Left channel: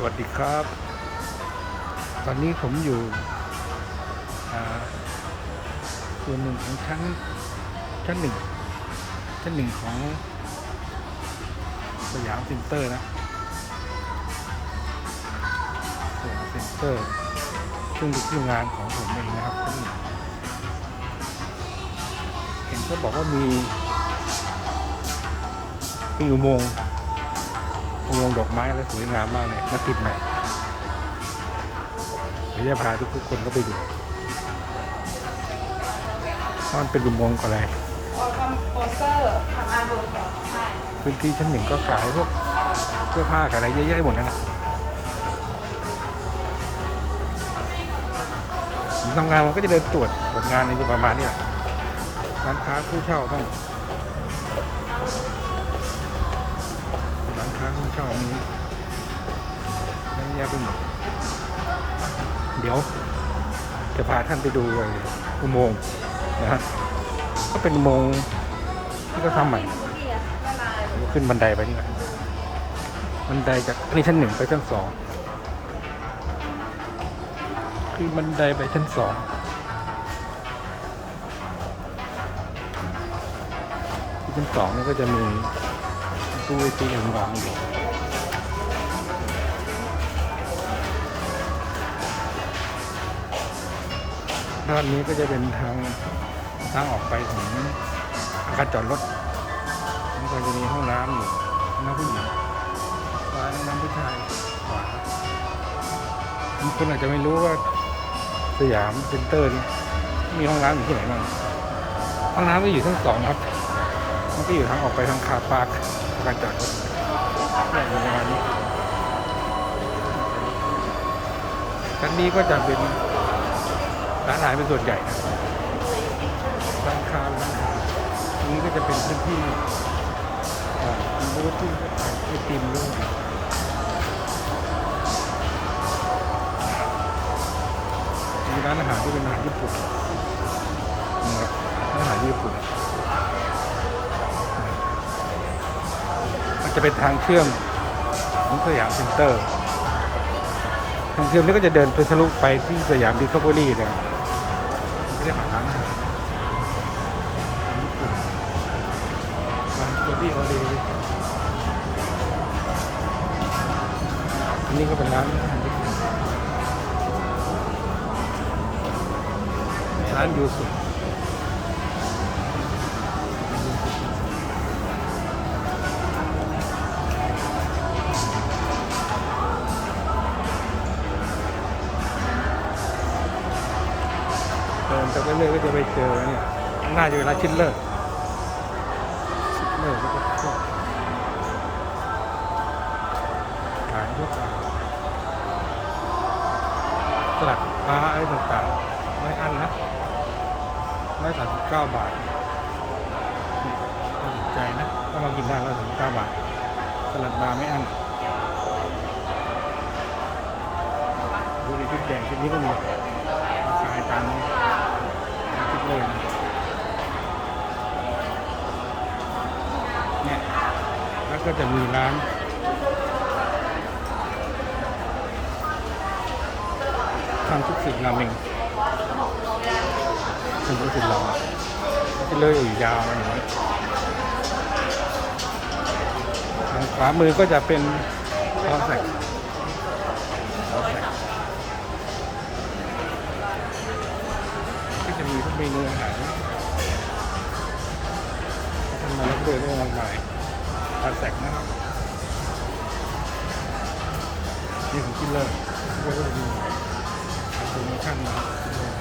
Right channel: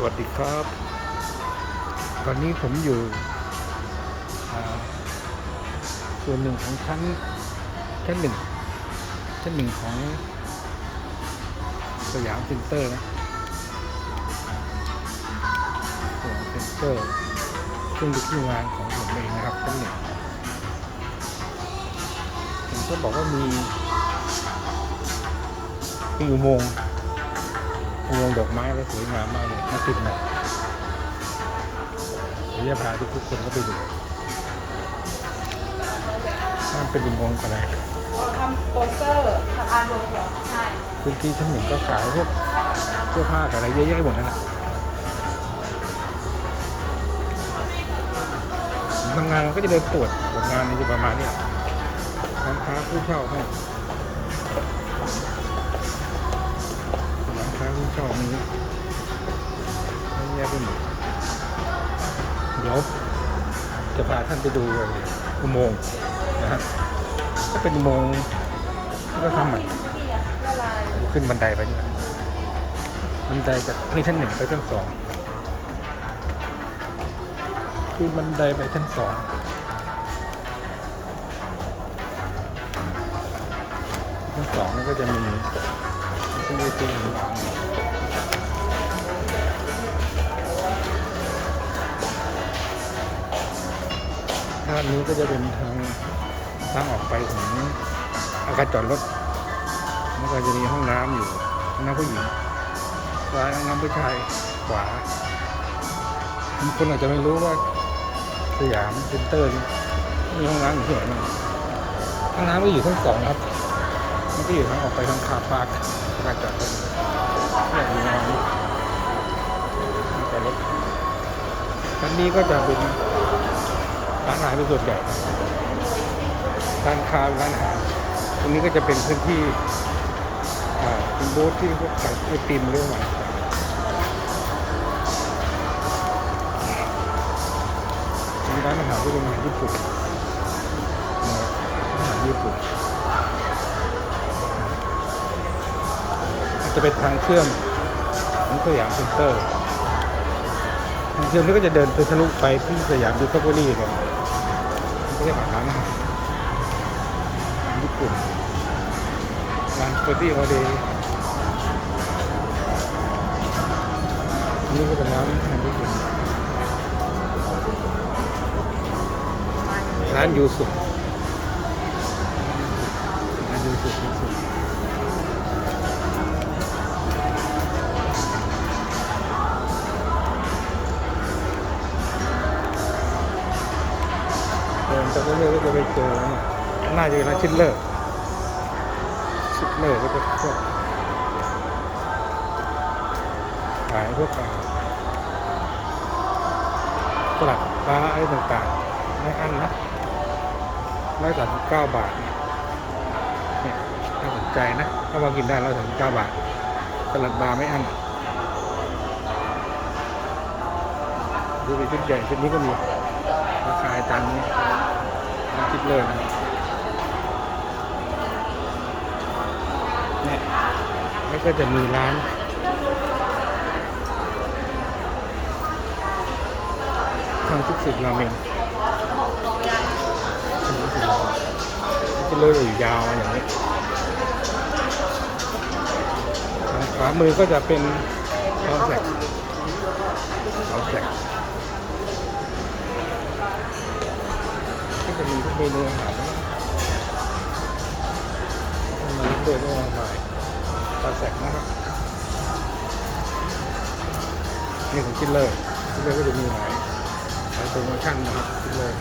สวัสดีครับ ตอนนี้ผมอยู่ส่วนหนึ่งของชั้น ชั้นหนึ่ง ชั้นหนึ่งของสยามเซ็นเตอร์นะสยามเซ็นเตอร์ซึ่งเป็นที่งานของผมเองนะครับชั้นหนึ่ง เห็นเขาบอกว่ามีมีอุโมงค์ อุโมงค์ดอกไม้อะไรสวยงามมากเลยมาติดใหม่เดี๋ยวจะพาทุกๆคนก็ไปดูว่ามันเป็นอุโมงค์อะไรเราทำโปสเตอร์ทำอาร์ตเวิร์กเหรอใช่พื้นที่ชั้นหนึ่งก็ขายพวกเสื้อผ้ากับอะไรเยอะแยะหมดนั่นแหละผมทำงานมันก็จะเดินตรวจตรวจงานในอยู่ประมาณเนี้ยร้านค้าผู้เช่าบ้าง ร้านค้าผู้เช่านี้เยอะแยะไปหมด เดี๋ยวจะพาท่านไปดูเลยอุโมงค์นะฮะก็เป็นอุโมงค์ที่เราทำใหม่ขึ้นบันไดไปเนี่ยบันไดจากนี่ชั้นหนึ่งไปชั้นสองขึ้นบันไดไปชั้นสองชั้นสองนี่ก็จะมี ตู้ตู้วางอยู่ด้านนี้ก็จะเป็นทางทางออกไปของอาคารจอดรถมันก็จะมีห้องน้ำอยู่น้ำผู้หญิงซ้ายห้องน้ำผู้ชายขวาคนอาจจะไม่รู้ว่าสยามเซ็นเตอร์นี่มีห้องน้ำอยู่ที่ไหนบ้างห้องน้ำก็อยู่ชั้นสองครับ มันก็อยู่ทางออกไปทางคาปาร์ ลานจอดรถเนี่ยอยู่ประมาณนี้ลานจอดรถชั้นนี้ก็จะเป็นร้านอาหารเป็นส่วนใหญ่นะร้านค้าเป็นร้านอาหารตรงนี้ก็จะเป็นพื้นที่อ่าเป็นบูธที่พวกขายไอติมหรือว่าอะไรต่างมีร้านอาหารที่เป็นอาหารญี่ปุ่นนะครับอาหารญี่ปุ่น จะเป็นทางเชื่อมของสยามเซ็นเตอร์ ทางเชื่อมนี้ก็จะเดินไปทะลุไปที่สยามดิสคัฟเวอรี่เลยไม่ได้ผ่านร้านอาหารอาหารญี่ปุ่นร้านเฟอร์ตี้ออเดย์อันนี้ก็เป็นร้านอาหารญี่ปุ่นร้านยูสุร้านยูสุยูสุ ไปเรื่อยก็จะไปเจอเนี่ยข้างหน้าจะเป็นร้านชิลเลอร์ชิปเลอร์ก็จะพวกขายพวกอ่าสลัดปลาอะไรต่างๆ ไม่อั้นนะร้อยสามสิบเก้าบาท เนี่ยน่าสนใจนะก็มากินได้ร้อยสามสิบเก้าบาท สลัดปลาไม่อั้นดูเป็นชุดใหญ่ชุดนี้ก็มีราคาตามนี้ ร้านชิปเลอร์นะครับเนี่ยแล้วก็จะมีร้านทางทุกสิบราเมงทุกสิบราจะเลยอยู่ยาวมาอย่างนี้ขวามือก็จะเป็นคาแซกคาแซก ก็จะมีทุกเมนูอาหารนะท่านมาเล่นด้วยด้วยมากมายตาแสกนะครับนี่ของคิดเลอร์คิดเลอร์ก็จะมีหลายหลายโปรโมชั่นนะครับคิดเลอร์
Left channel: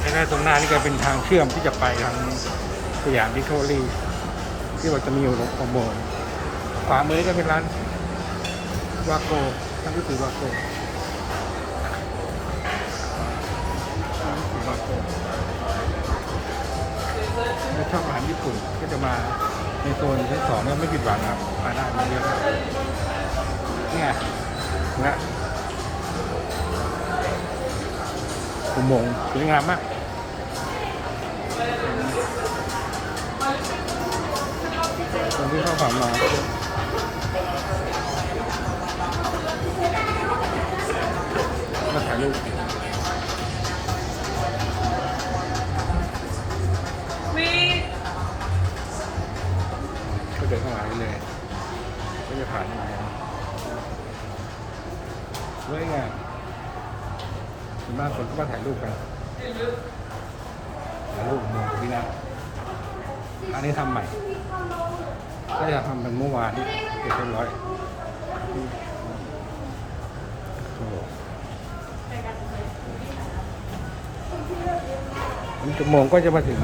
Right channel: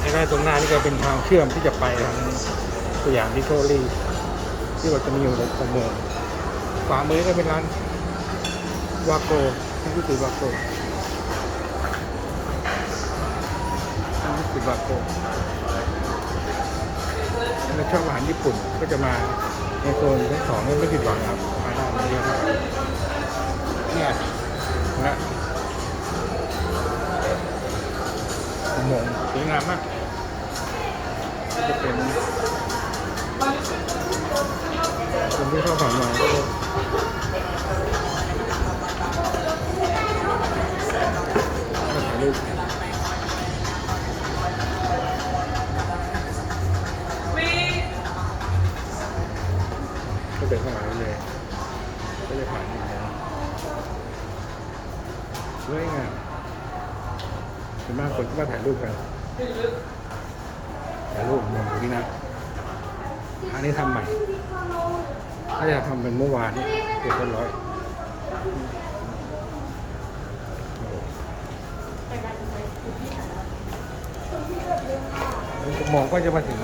ไอ้ด้านตรงหน้านี่ก็เป็นทางเชื่อมที่จะไปทางสยามดิสคัฟเวอรี่ที่เราจะมีอยู่ลงโมงค์ขวามือนี่ก็เป็นร้านวาโกทั้งที่ติวาโก ทั้งที่ติวาโกถ้าชอบอาหารญี่ปุ่นก็จะมาในโซนชั้นสองเนี่ยไม่ผิดหวังนะครับ มาได้มาเยอะได้เนี่ยนะอุโมงค์สวยงามมากก็จะเป็น คนที่เข้าผ่านมาก็จะมาถ่ายรูป เดินเข้ามาได้เลย ก็จะผ่านอย่างเงี้ยสวยงามส่วนมากคนก็มาถ่ายรูปกันถ่ายรูปมืองนี่นะอันนี้ทำใหม่น่าจะทำเป็นเมื่อวานนี้เรียบร้อยโอ้โหนี่จะโมงก็จะมาถึง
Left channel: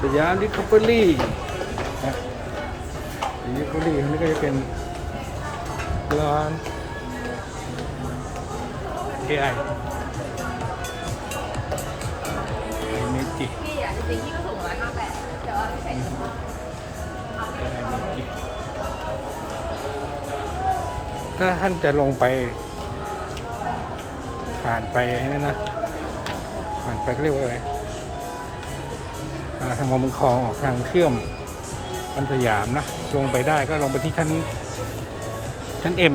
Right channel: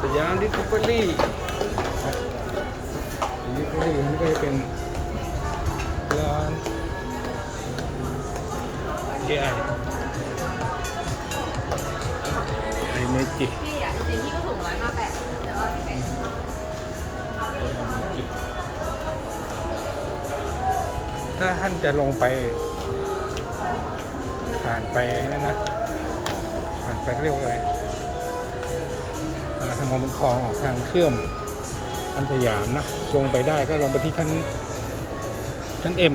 สยามลิฟต์เบอรี่ ลิฟต์เบอรี่นี่ก็จะเป็นร้าน AI ไอเมจิ พี่อะจริงๆพี่ก็สูงร้อยห้าแปดแต่ว่าพี่ใส่ถุงถ้าท่านจะลงไป ผ่านไปนั่นนะผ่านไปเรียกว่าอะไรอ่าทางมอเมืองคลองออกทางเชื่อม อันสยามนะลงไปได้ก็ลงไปที่ชั้นชั้นเอ็ม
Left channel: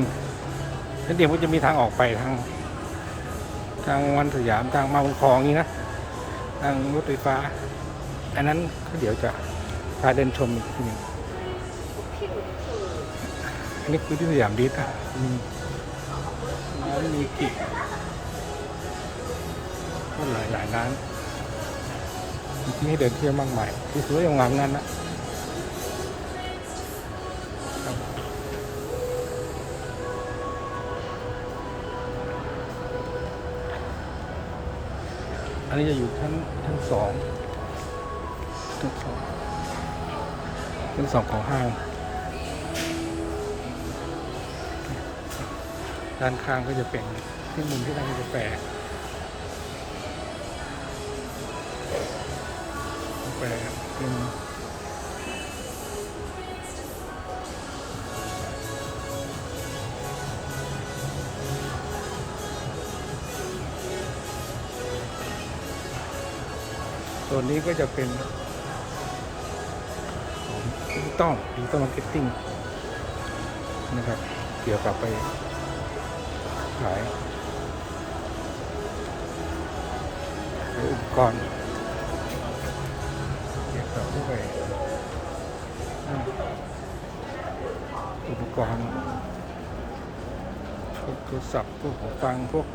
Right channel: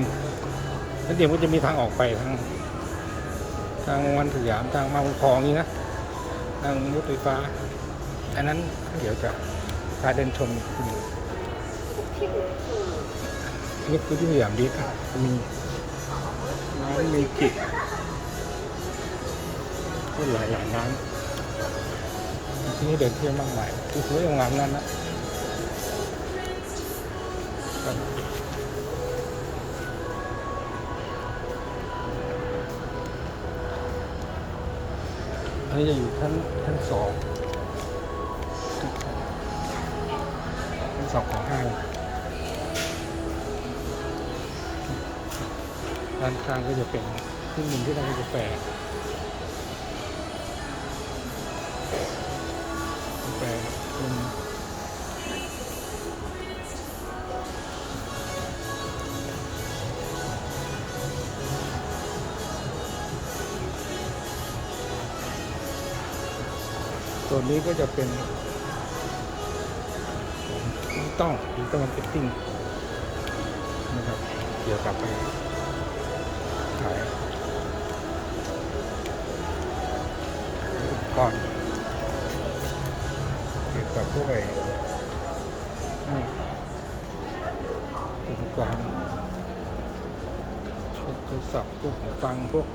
ชั้นเอ็มก็จะมีทางออกไปทาง ทางวันสยามทางมาเมืองคลองนี้นะทางรถไฟฟ้า อันนั้นเดี๋ยวจะพาเดินชมทีนึงอันนี้คือที่สยามดิสมีร้านมีกิก็หลายหลายร้านที่ให้เดินเที่ยวมากมายคือสวยงามงามนะ ครับอันนี้จะอยู่ชั้นชั้นสองชั้นสองชั้นสองของห้างด้านข้างก็จะเป็นที่มุมที่ร้านกาแฟกาแฟลม ตัวนี้ก็จะเป็นดิจิตอลดิจิตอลมาร์เก็ตติ้งนะครับเกี่ยวกับไปขายอุปกรณ์เกี่ยวกับพวกไออุปกรณ์พวกโทรศัพท์พวกหูฟังพวก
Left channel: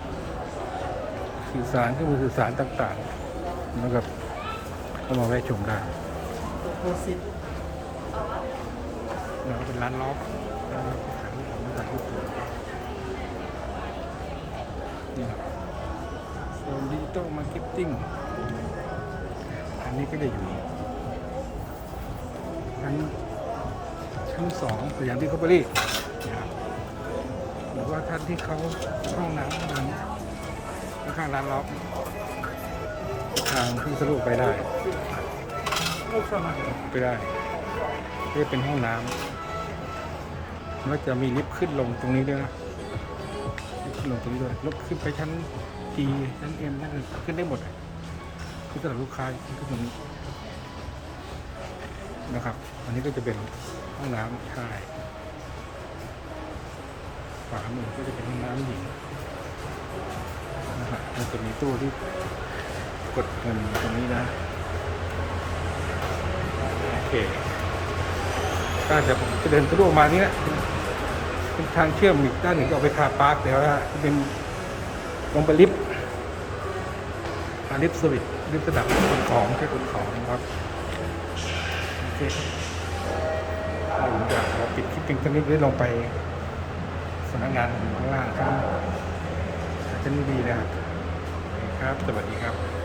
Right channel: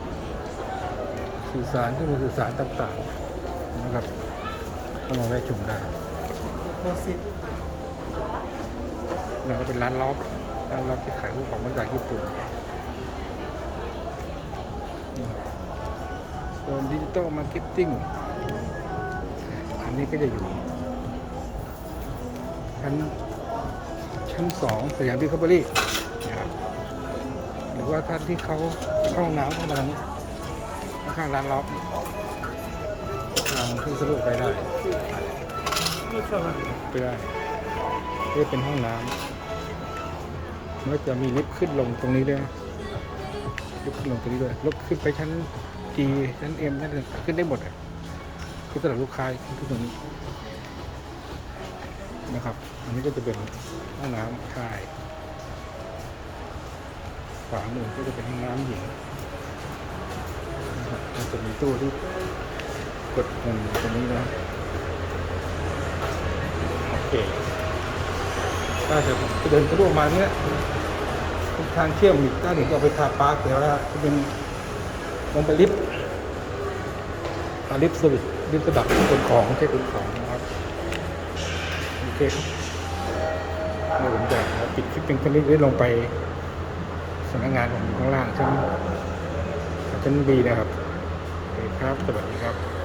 สื่อสารเครื่องมือสื่อสารต่างๆนะครับ ก็มาแวะชมได้แล้วก็เป็นร้านล็อบร้านล็อบที่ขายพวกของมาจากญี่ปุ่นส่วนดิจิตอลมาร์เก็ตติ้ง อันนี้ก็จะอยู่ ชั้น ชั้นสองสยามดิคาบรี่นะครับหรือว่าท่านที่เขาห้องน้ำเข้ามาทางนี้ข้างร้านล็อบ ทางที่สะดวกไปได้ไปได้ที่เป็นห้องน้ำแล้วจะมีลิฟต์ขึ้นลงตรงนี้ด้วยนะลิฟต์ขึ้นลงตรงนี้ด้วยล้วขึ้นไปชั้น G ชั้น M ชั้นอื่นขึ้นได้หมดเลยคือสำหรับลูกค้าขึ้นตรงนี้ นะครับ อันนี้ก็จะเป็นห้องน้ำชายขวามือก็จะเป็นห้องน้ำหญิงนะครับมันจะมีตู้ที่ กดเงินตรงนี้นะ โอเค ก็จะผมจะเดินสะดวกมาเนี้ยเป็นทางเชื่อมอีกด้านหนึ่งจะออกไปคาปาร์คแต่ว่าจะเป็นลงไปลิฟต์ลิฟต์สวิตช์ลิฟต์ระดับขนของใช้ขนของนะครับ โอเคครับเมื่อผมจะขอปิดคลิปเพียงเท่านี้ได้ลงไปสำนักงานของข้างล่างชั้นชั้นบีนะครับโอเคครับ สวัสดีครับ